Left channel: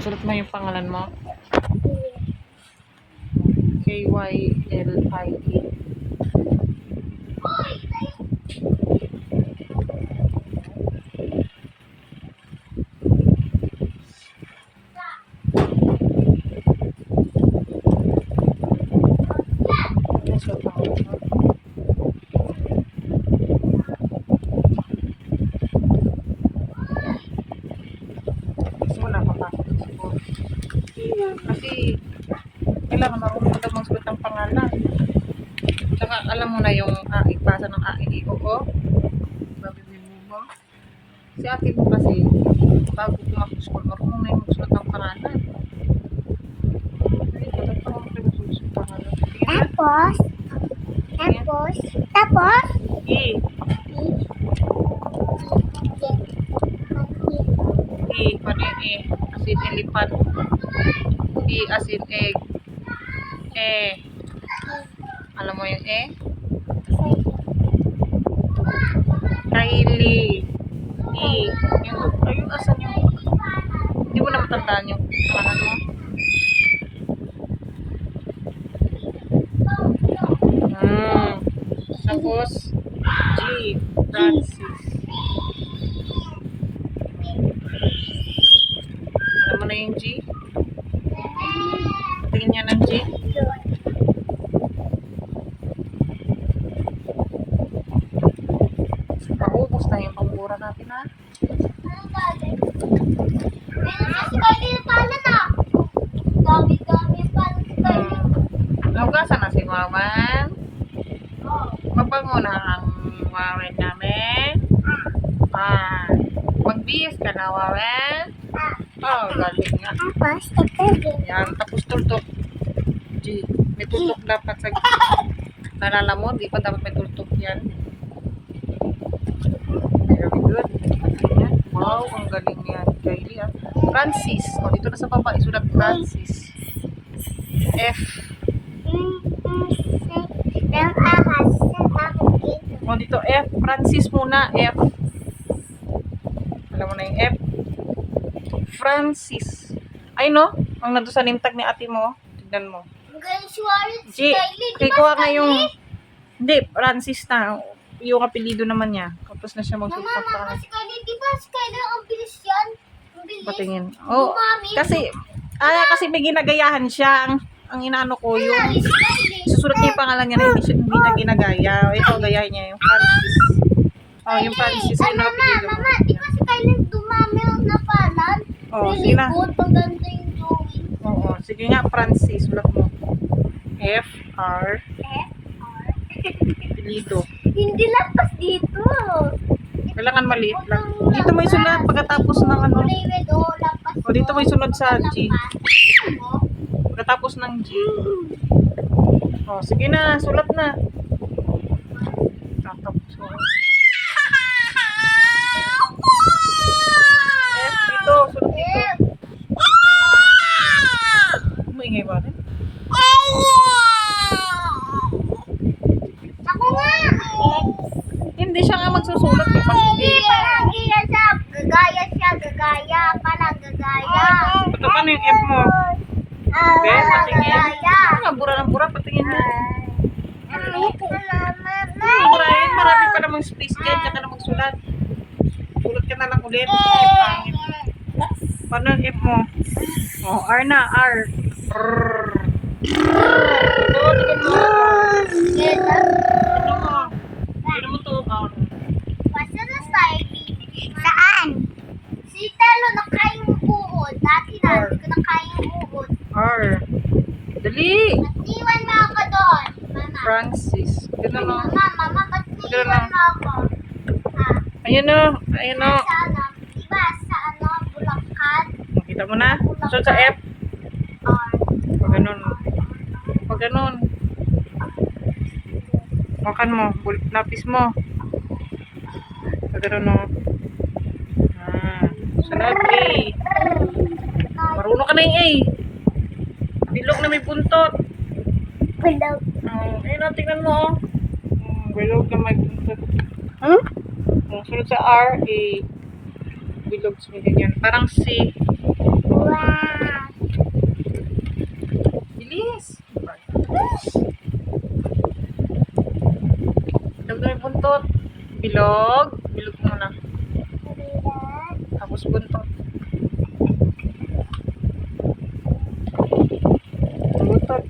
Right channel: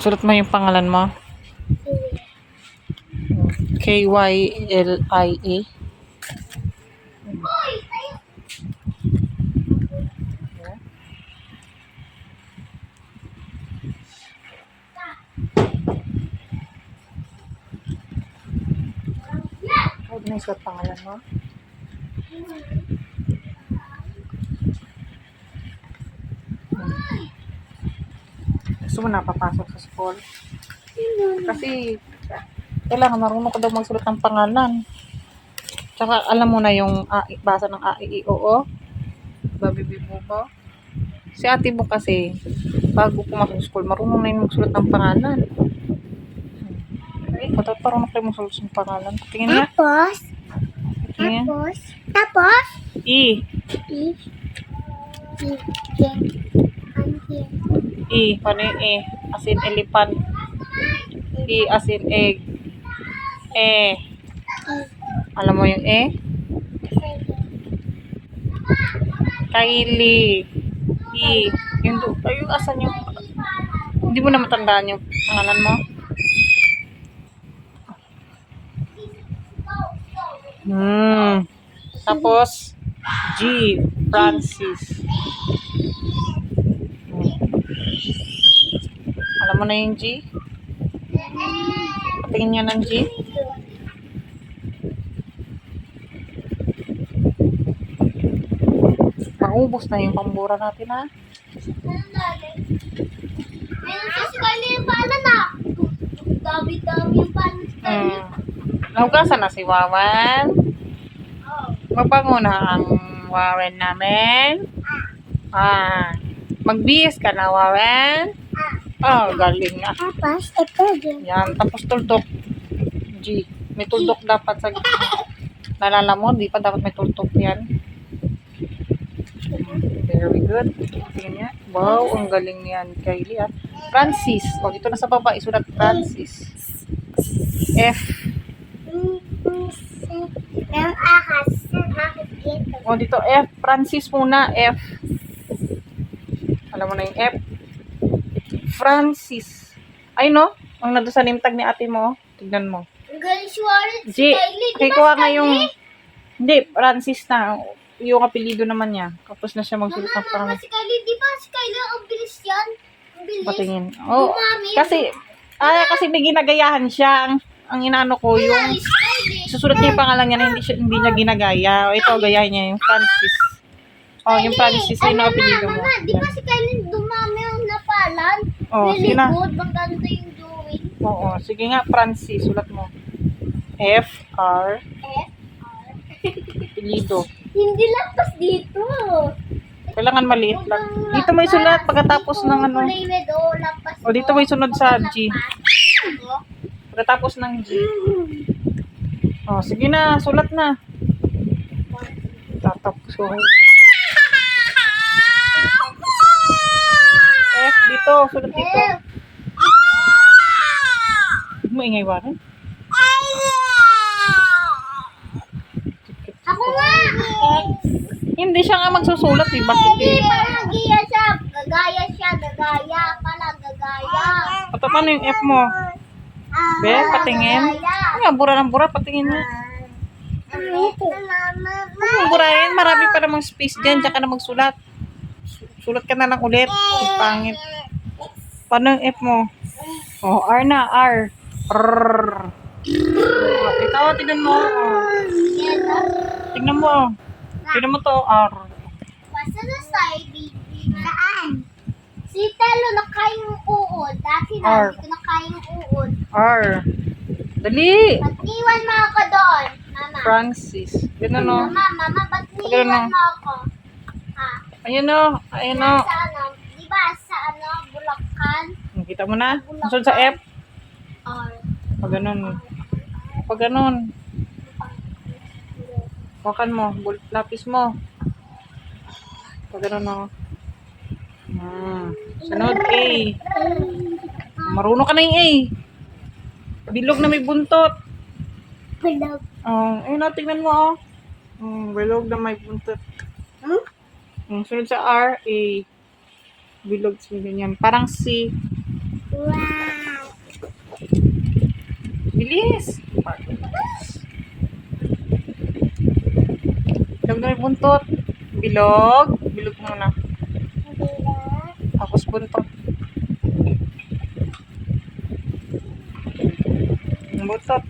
Sulat mo yung pangalan mo. K-Y-L-I-E. Ano yung sulat pangalan mo? Papasok sa school? Kasi, kailangan marunong ka daw magsulat ng pangalan. Tsaka, alam mo na yung A, ipasa ng A, I, I, O, O. Babibi mo ba? Si ate mo kasi, bago pumasok sa school, marunong na yung magsulat ng pangalan. Ay, ba't parang kayo magsulat ng pangalan? Tingin niya. Tapos, Tingin. tapos, tapos, E. i, gen, anhin, E. Paano yung E? As in elephant. E as in egg. E. Alam mo yung E? Kylie. E. Yung, du- ay, yung asan yung... Hindi mo na matandaan yung pangalan mo? Hmm. Tapos, G. Francis. Hmm. Alam mo na yung G? Tingin niya ng G? Maubos na yung pambura natin ha. Dami-dami kayo. Hmm. Nahugasan na si Wawan. Mabango na ang Wawan namin. Ah. Magbihis ka na, Wawan. Oh, galing nga. Tapos, ito din. Yan, tapos tuldok. G. May tuldok dapat sa Nalala mo, di pa dapat may tuldok yan. Very good. Niya. Wow, ang galing yan, Kylie ah. Francis. O, dito na sa baba, isulat Francis. F. O, dito F. Francis muna, F. Alam mo na yung F. Francis. Ay, no? Ang nandun sa name tag ni ate mo. Tignan mo. G, Kylie, di kay ba kuha nga yung, hindi, Francis na. Yung apelido naman niya. Tapos na siya magsulat ng mama, pangalan. si Kylie, di ba si Kylie ang bilis yan? Ang bilis. Patingin. Oh, Mami. kasi, ah, kasi may ginagayahan siya. Ang, ang inaano ko, yung, susulat niya yung pangalan niya na hindi, siya, hindi niya ginagaya. O, ito, gayahin niya yung Francis. Oh, yung Francis, Ay, yun ang apelido mo. Mama, di ba si Kylie dumami ang? Oh, sige na. ganito yung doing. Oo, sige nga, Francis, sulat mo. F, R, F, R. apelido. Hindi lapas dito. Kailangan maliit lang. Dito may sulat pagkatapos ng ano. Red, oh, lapas. O, dito may sunod sa G. Oh. Pagkatapos ng G. Oh, sige na, sulat na. Tatapos ko. Dito, sulat dito. Maingay ba rin? Ako nga. Hindi siya nga magsusulat eh. Bakit Hindi, eh? parang gaya siya. Gagaya siya, gagaya. Pala, gagaya. Pato paano yung F mo? Ah, Be, patingin. Ay, nga, bura ng bura, patingin niya. Mama, Ang burahin, marami pa namang space dyan, diyan ka na magsulat. Sulat ka na lang ulit. Ay, pangit. Paano yung F mo? Oh, R na, R. R. Ito, tignan mo. Tignan mo. Tignan mo to, R. Basta na side Saan? Si Telo na kayang uod. Dati na, R. hindi ko na kayang uod. R. Dali. Ba't niwan mo ako doon? Mama. Francis. Ganun o. Mama, mama, ba't Ganun mo ako? Ha? Ayun o. Ayun o. Sa ano? Diba sa ano? Bulacan? Kita mo na? Sunod sa F. Pag ganun. Pag ganun. Wakan mo. Bulit lapis mo. Pag ganun o. Ah. Sunod A. Marunong ka na yung A. Bilog na may buntot. Bulog. Oh, ayun na, tingnan mo oh. Mm, bilog na may buntot. Hmm? Oh, sunod sa R, A. Bilog sa ganyan. Parang C. Wow. Bilis. Bilog na yung buntot. Bilog. Bilog muna. Tapos buntot. Ang buntot.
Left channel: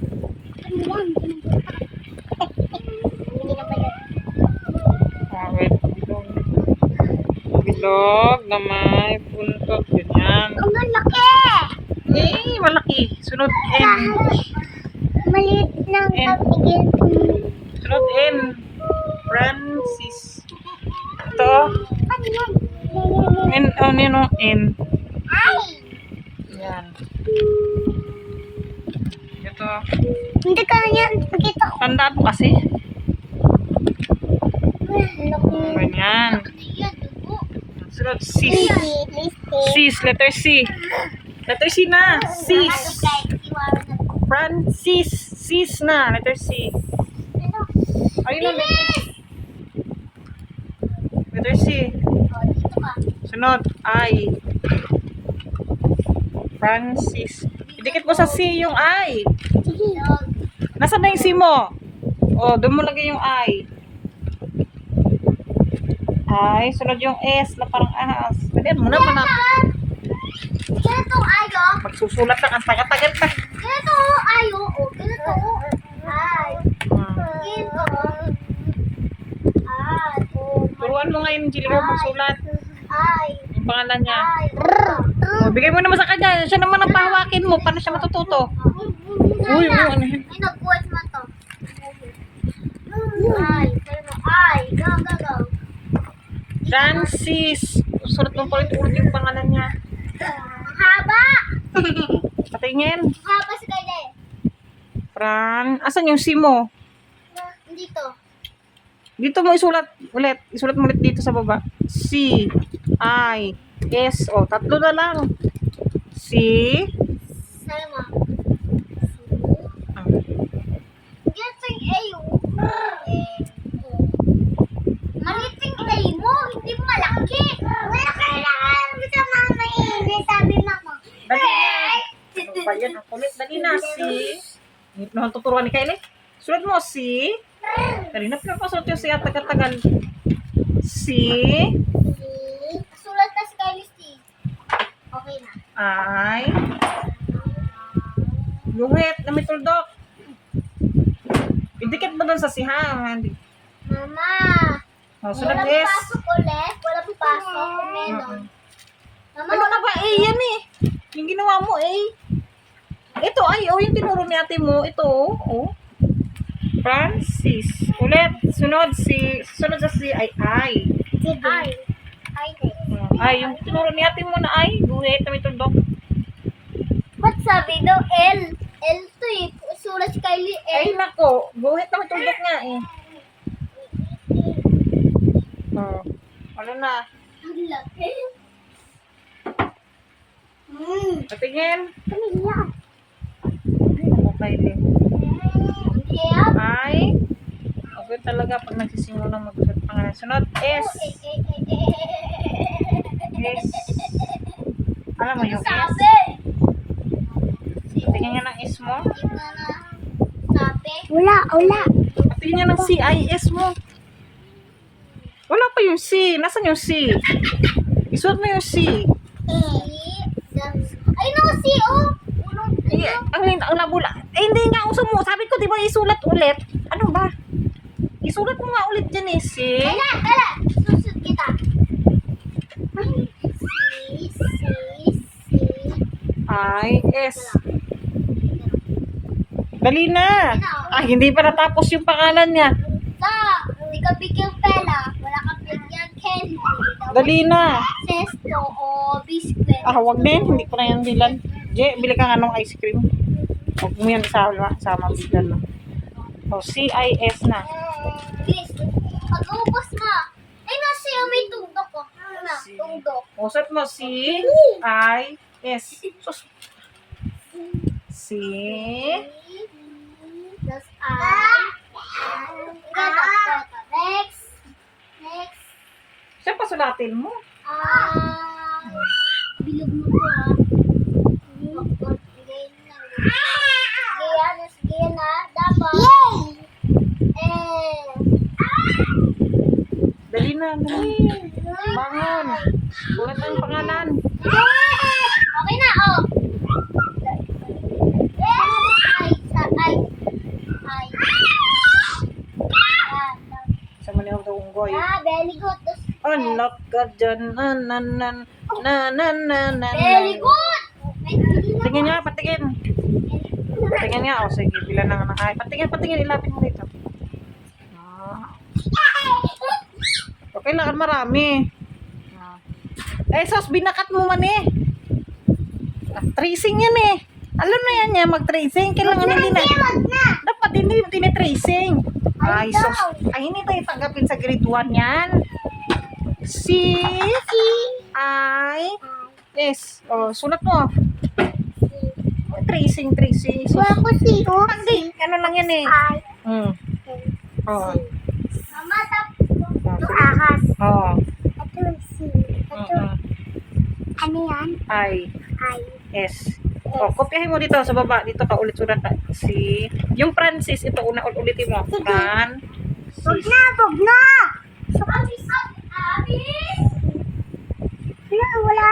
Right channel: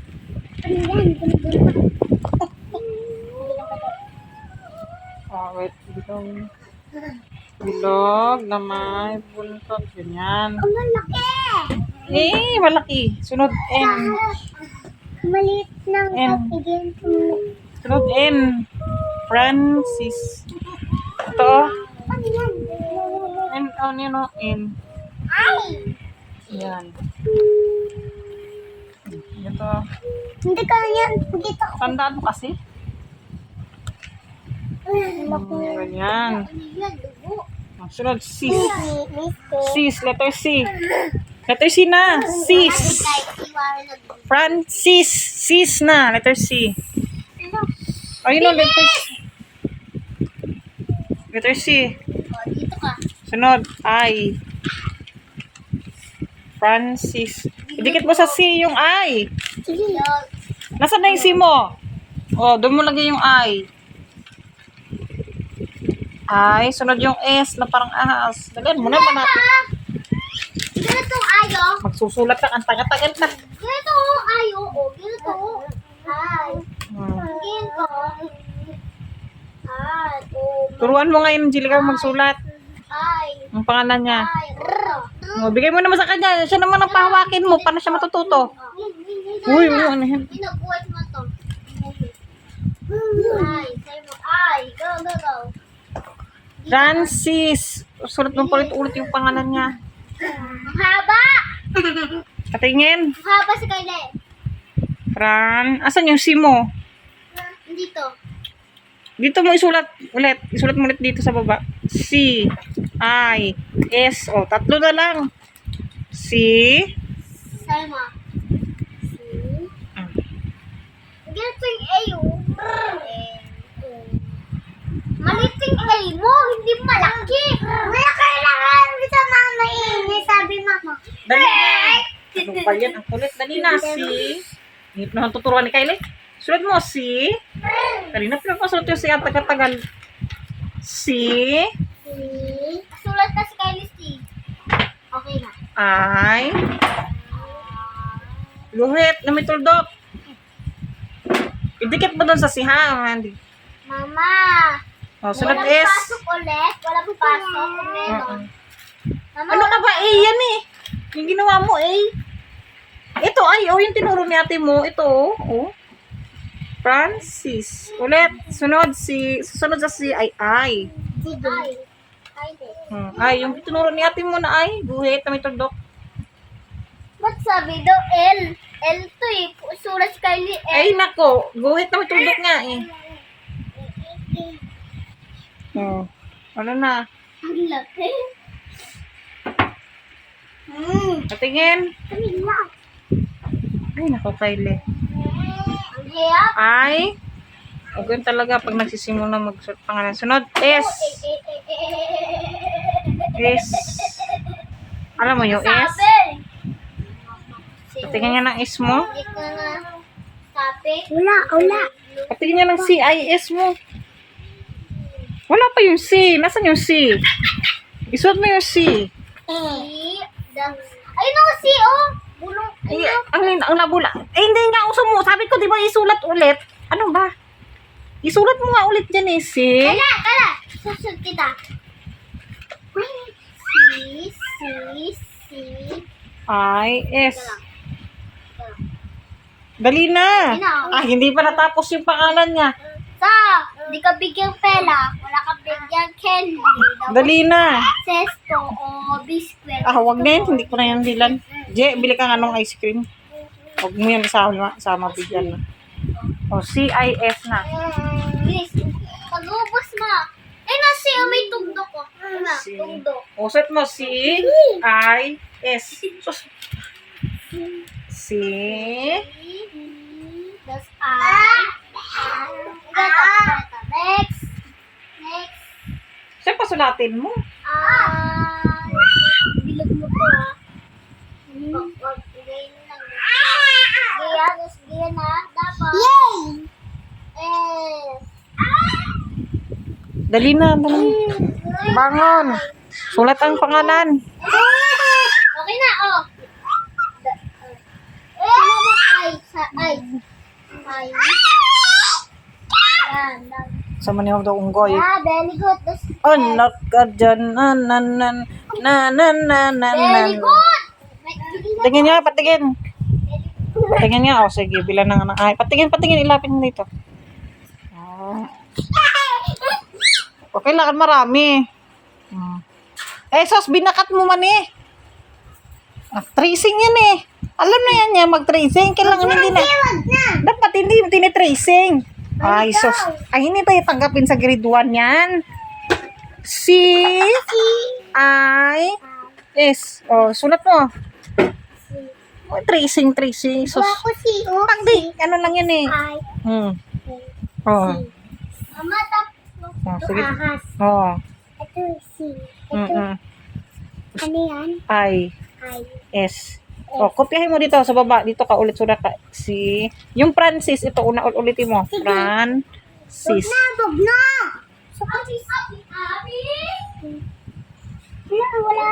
Ah, wait. Bilog. Bilog na may buntot. Ganyan. Ang laki! Eh, malaki. Sunod N. Maliit ng And- pagigil Sunod N. Francis. Ito. N, ano yun, oh, N. Ay! Yan. Ito. Hindi ka yan. Pakita ko. Tandaan mo kasi. Laki. Ganyan. Sunod, sis. Sis, letter C. Letter C na. Sis. Francis. Sis na. Letter C. Ayun na, letter C. Letter C. Sunod, I. Francis. Idikit mo sa C yung I. Nasaan na yung C mo? Oh, doon mo lagay yung I. I. Sunod yung S na parang ahas. Dalian muna pa natin. Ganito ayo. Magsusulat lang. Ang tagal-tagal pa. Ganito ayo. O, ganito. Ay. Ganito. Ay. O. Turuan mo ngayon, Angelica, magsulat. Ay. Ang pangalan niya. Ay. Oh, bigay mo naman sa kanya. Siya naman ang pahawakin mo. Paano siya matututo? Uy, uy, ano yan? Ay, nag-voice mo to. Ay, sabi mo. Ay. Go, go, go. Francis. Sulat mo pa ulit yung pangalan niya. Haba. Patingin. Haba sa kaila eh. Fran. Asan yung C mo? Dito. Dito mo isulat ulit. Isulat mo ulit dito sa baba. C, I, S. O, tatlo na lang. C. Sabi mo. Ah, yung A oh. Maliit yung A mo, hindi malaki. Wala kailangan sa mama eh. Sabi mama. Dali na. Ano ba yan? Ang kulit. Dali na. Pa naman tuturuan ni Kylie. Sulat mo C. Kanina pinapasulat yung C ang tagal-tagal. C, Sulat na si Kylie C. Okay na. I, guhit na may tuldok. Idikit mo doon sa C ha. Hindi. Mama. O, sunod Walang S. pasok ulit. Walang pasok kung meron. Mama, Ano ka ba? A yan eh. Yung ginawa mo A. Ito ay, oh, yung tinuro ni ate mo. Ito, oh. oh. Francis. Ulit. Sunod si, sunod sa si ay ay. Ay. Ay. Hmm. Ay, yung tinuro ni ate mo na ay. Guhit na may tuldok. Ba't sabi daw L? L to eh. Si Kylie L. Ay, nako. Guhit na may tuldok nga eh. Oh. Ano na? Ang laki. Hmm. Patingin. Lang. Ay, nako, Kylie. Hirap. Ay. Okay talaga pag nagsisimula magsuot pangalan. Sunod, S. S. Alam mo yung S? Sabi. Tingnan niya ng S mo. Hindi ko na sabi. Wala, wala. Patingin niya ng CIS mo. Wala pa yung C. Nasaan yung C? Isuot mo yung C. Ayun naman si oh. Ulong. Ay, ang, ang labula. Eh, hindi nga uso mo. Sabi ko, di ba isulat ulit? Ano ba? Isulat mo nga ulit dyan eh, C. Kala, kala. Susunod kita. Si, si, si. I, S. Dali na. Ah, hindi pa natapos yung pangalan niya. Sa, di ka bigyan pela. Wala ka bigyan candy. Dali na. Sesto o biscuit. Ah, wag din. Hindi ko na yan bilan. Je, bili ka nga ng ice cream. Huwag mo yan isama, sama bigyan na. O, C-I-S na. Bilis. Pag-ubos mo. Eh, nasi, may tugdok ko. Ano, Si- tugdok. O, set mo. Tapos I. Ganito, ganito. Next. Next. Sulatin mo. I. Bilog mo to ah. Oh, oh, ganyan lang. Ganyan, Ayan na, dapat. Yay! Eh. Dali na, dali. Bangon. Sulat ang pangalan. Okay na, oh. Ay, sa, ay. Ay. Yan, yan. Sa manihog daw unggoy. Ah, very good. Anak ka dyan. Na, na, na, na, na, na, na, very good. Tingin nga, patingin. Patingin nga. O, sige, bilang ng anak. Ay, patingin, patingin. Ilapit mo dito. Ah. O, kailangan marami. Ah. Eh, sos, binakat mo man eh. Ah, tracing yan eh. Alam na yan niya, mag-tracing. Kailangan hindi na. Dapat hindi yung tinitracing. Ay, sos. Ay, hindi tayo tanggapin sa grade 1 yan. C, I, S. O, sunat mo. O, tracing, tracing. Sos. Ako si O. Hindi, ano lang yan eh. I. Hmm. Oh. Mama, tapos. Oh, Ito ahas. Oh. Ito si. Ito. Ano yan? I, I. S. O, kopyahin mo dito sa baba. Dito ka ulit sulat ka. Si, yung Francis, ito una ul- ulitin mo. Sige. Francis. na, bog na. So, abi. Wala, wala.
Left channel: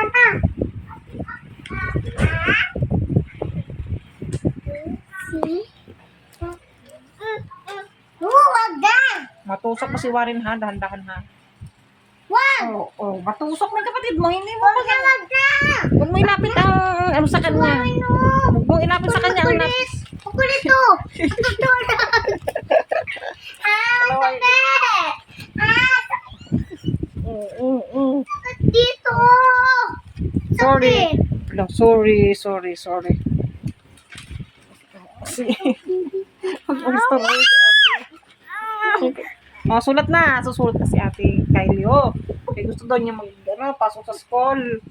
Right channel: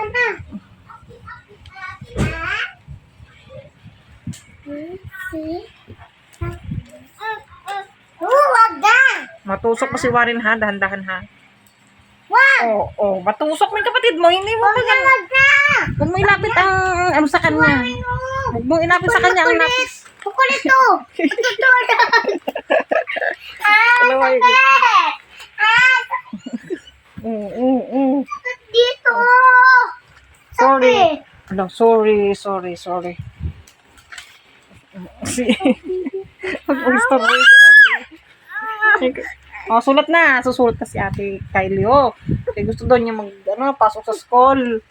Oh, na. Matusok mo si Warren ha, dahan-dahan ha. Oo, oh, matusok mo yung kapatid mo. Hindi mo Wag na, wag na. Huwag mo ilapit ang ano sa kanya. Ano? Huwag mo ilapit sa kanya ang napis. Kukulit to. Tutulog. Ah, Dalawa yun. sakit. Ah, Mm, mm, mm. dito. Sorry. Sakit. Ala, sorry, sorry, sorry. Si... Mag-story si ate. Oh, sulat na. Susulat na si ate Kylie, oh. Kaya gusto daw niya mag, ano, pasok sa school.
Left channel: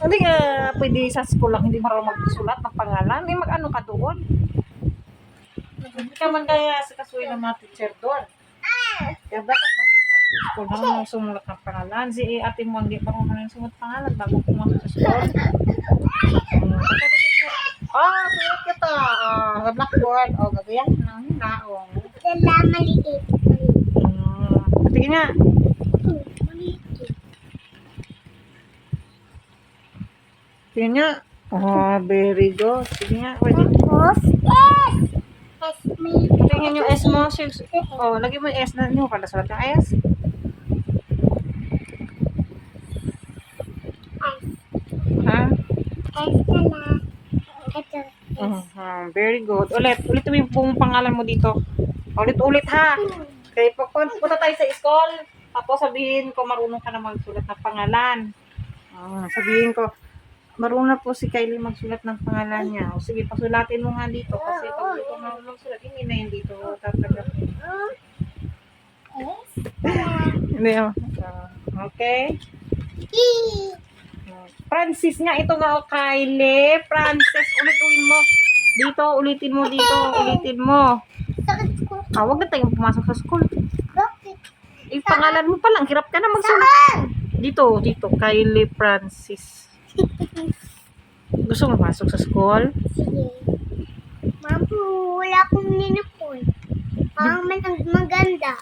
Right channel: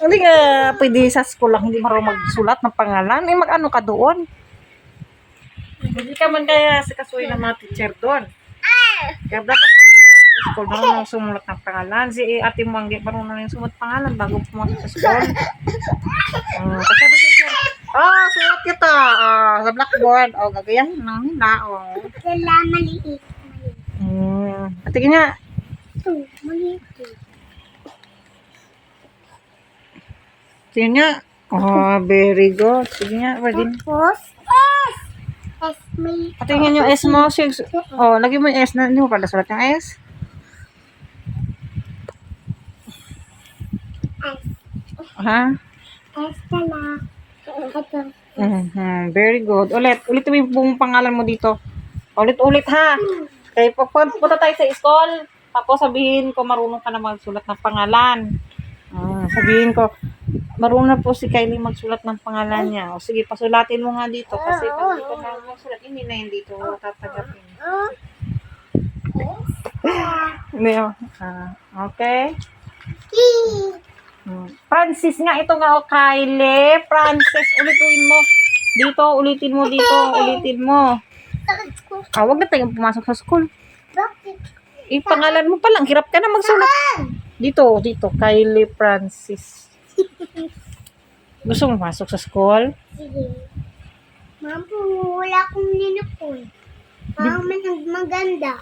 Hindi nga, pwede sa school lang, hindi marunong magsulat ng pangalan. Eh, mag-ano ka doon? Hindi ka man kaya si kasuy ng mga teacher doon. Kaya dapat mag sa school, marunong sumulat ng pangalan. Si ate mo, hindi marunong yung sumulat pangalan bago pumasok sa school. Uh, kasi sabi teacher, ah, sulat kita. Ah, sa blackboard. Oh, gagayan ng hina. O. Dala, maliit. Mm, tingin nga. Ito, maliit. Tingin nga. Oh, very good. Sige nga, pwede. Tapos, S. S, may Tingin yung S mo. Six. Oh, lagyan mo yung S na. Hindi mo pala sulat yung S. S. Ha? S dala. Ito. Mhm, Very good. Ulit. Ulit mo yung pangalan mo dito. Ulit-ulit ha. Okay, pag pag- punta tayo sa school, tapos sabihin ko marunong ka na magsulat ng pangalan. Ah, sabihin ko, marunong na po si Kylie magsulat ng pangalan niya. O sige, pasulatin mo nga dito. Kasi pag hindi marunong magsulat, hindi na yun dito tatanggapin. S. Hindi oh. Ah, okay. Hmm. Francis nga, ito nga o Kylie. Francis, ulitin mo. Dito, ulitin mo dito, ulitin mo. Ko. Ah, wag na tayong pumasok sa school. Eh, pangalan mo pa lang, hirap ka na magsulat. Dito, dito, Kylie Francis. Gusto mo masok sa school? Sige. Mabu, wala akong ninapon. Ang mag- maganda.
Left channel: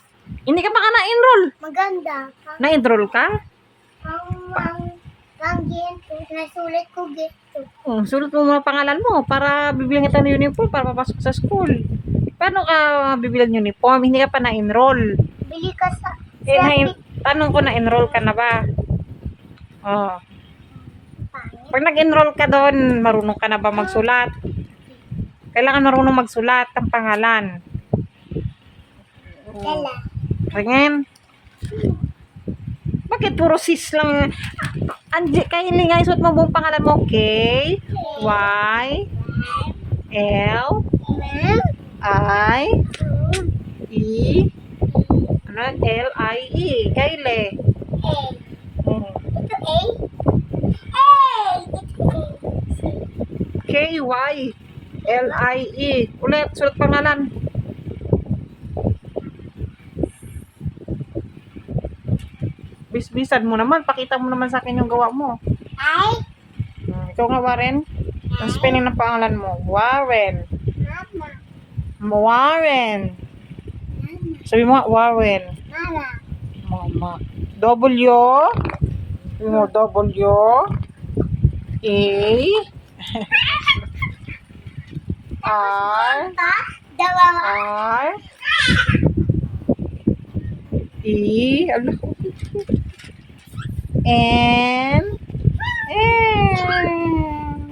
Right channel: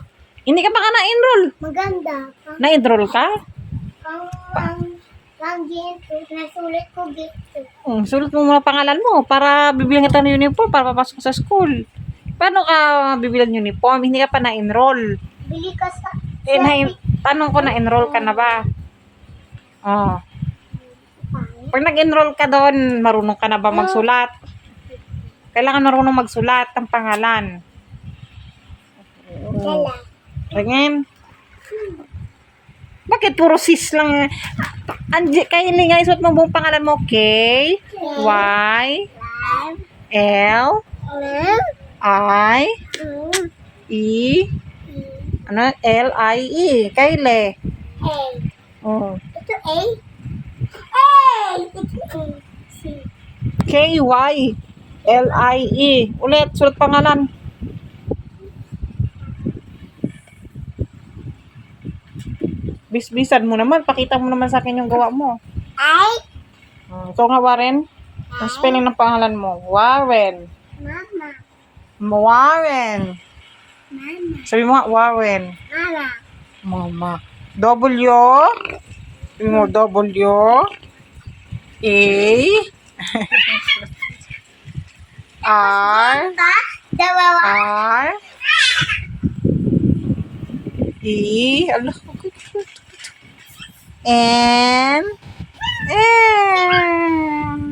Hindi ka pa ka na-enroll. Maganda. Ang, Na-enroll ka? ang, ang, ang ginto. Nasulit ko ginto. Um, sulat mo muna pangalan mo para bibilang kita ng uniform para papasok sa school. Paano ka bibilang uniform? Hindi ka pa na-enroll. Bili ka sa... Eh, na tanong ko na-enroll ka na ba? Oh. Pag nag-enroll ka doon, marunong ka na ba magsulat? Kailangan marunong magsulat ng pangalan. Dala. Tingin. Bakit puro sis lang? Andi, Kylie nga, isuot mo buong pangalan mo. K, Y, L, Ma'am. I, E, ano? L, I, E. Kylie. A. Oh. Ito A. A. Ito A. C. K, Y, L, I, E. Ulit, sulat pangalan. Bisbisan mo naman. Pakita mo naman sa akin yung gawa mo. I. Hmm, ikaw nga, Warren. Ang spelling ng pangalan mo. Warren. Ma. Warren. Sabi mo Warren. Mama. Mama. W. Sabi mo, W. A. R. R. E. Ala. N. N.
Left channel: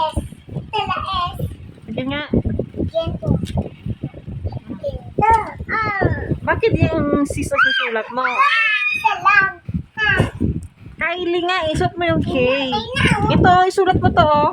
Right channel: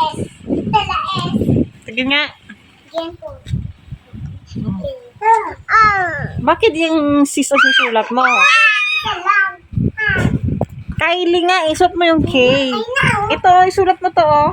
S. Sige nga. Bakit yung C sa susulat mo? Kylie nga, isuot mo yung K. Ito, isulat mo to, oh.